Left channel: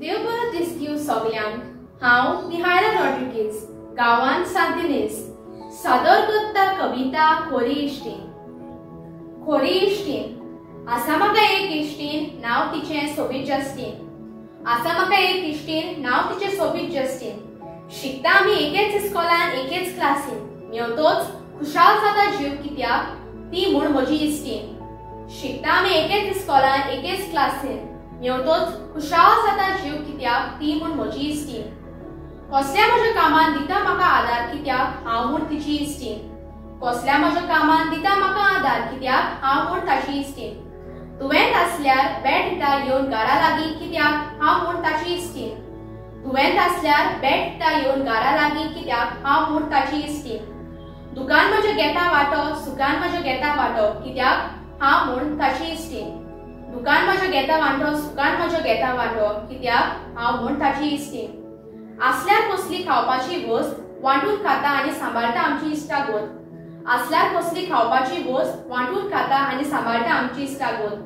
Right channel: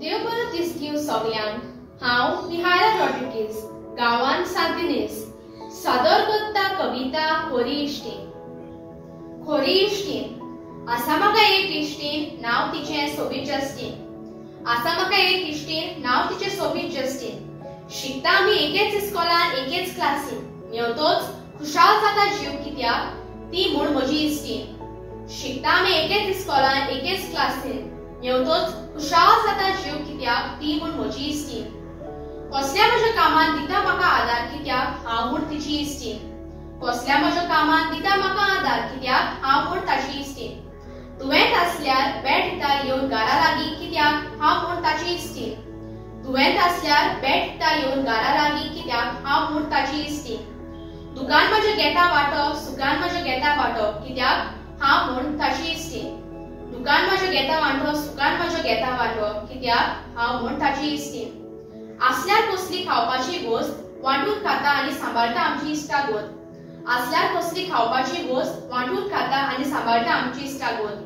देव बरो दीस दिव सगळ्यांक। हांव निहाळा रॉड्रिगीज गांवांत सांतिनेज सादर करता कविता खोरी इश्टीण। खोरी इश्टीण आसा म्हाका एक इश्टीण नांव तिचें सोबीत जस्टीन। आसा म्हाका एक इश्टीण नांव तिचें सोबीत जस्टीन। शिकता आमी एकेच इस्कॉलान एकेच क्लासीन। मेवतोच खुशाल जाता जीव कित्याक ती म्हूण म्हजी इश्टीण। शिकता आमी एकेच इस्कॉलान एकेच क्लासीन। मेवतोच खुशाल जाता जीव कित्याक ती म्हूण म्हजी इश्टीण। कसल्या म्हज्या कामान दिता म्हाका आदार कित्याक हांव म्हूण तिची इश्टीण। कसल्या म्हज्या कामान दिता म्हाका आदार कित्याक हांव म्हूण ताची इश्टीण। तुवेंत आसल्यार बेट दिता येवन घरा लागीं कित्याक हांव म्हूण ताची इश्टीण। तुवेंत आसल्यार बेट दिता येवन घरा लागीं कित्याक हांव म्हूण ताची इश्टीण। दुकान म्हज्या घेता वांटो सुखान म्हज्या घेता वांटो कित्याक हांव म्हूण ताची इश्टीण। दुकान म्हज्या घेता वांटो सुखान म्हज्या घेता वांटो कित्याक हांव म्हूण ताची इश्टीण। आसल्यार कसली खावपाची वस्त वांटून खाता आनी सांबाळटा आमची इश्टागोत। आसल्यार कसली खावपाची वस्त वांटून खाता आनी सांबाळटा आमची इश्टागोत।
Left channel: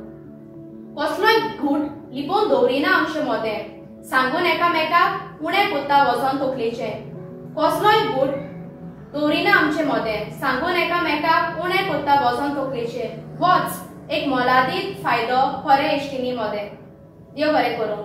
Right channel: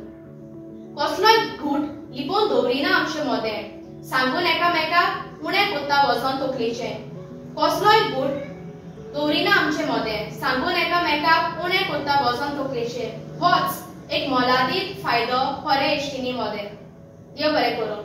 कसलोय घूट लिपोवन दवरिना आमचें मोदें सांगून एकामेकाक उणें कोत्ता वचोन तकलेचें। कसलोय घूट दवरिना आमचें मोदें सांगून एकामेकाक उणें कोत्ता वचोन तकलेचें। होच एक मोलादीक फायदो खरे इश्टिणी मोदें। देव बरें करूं।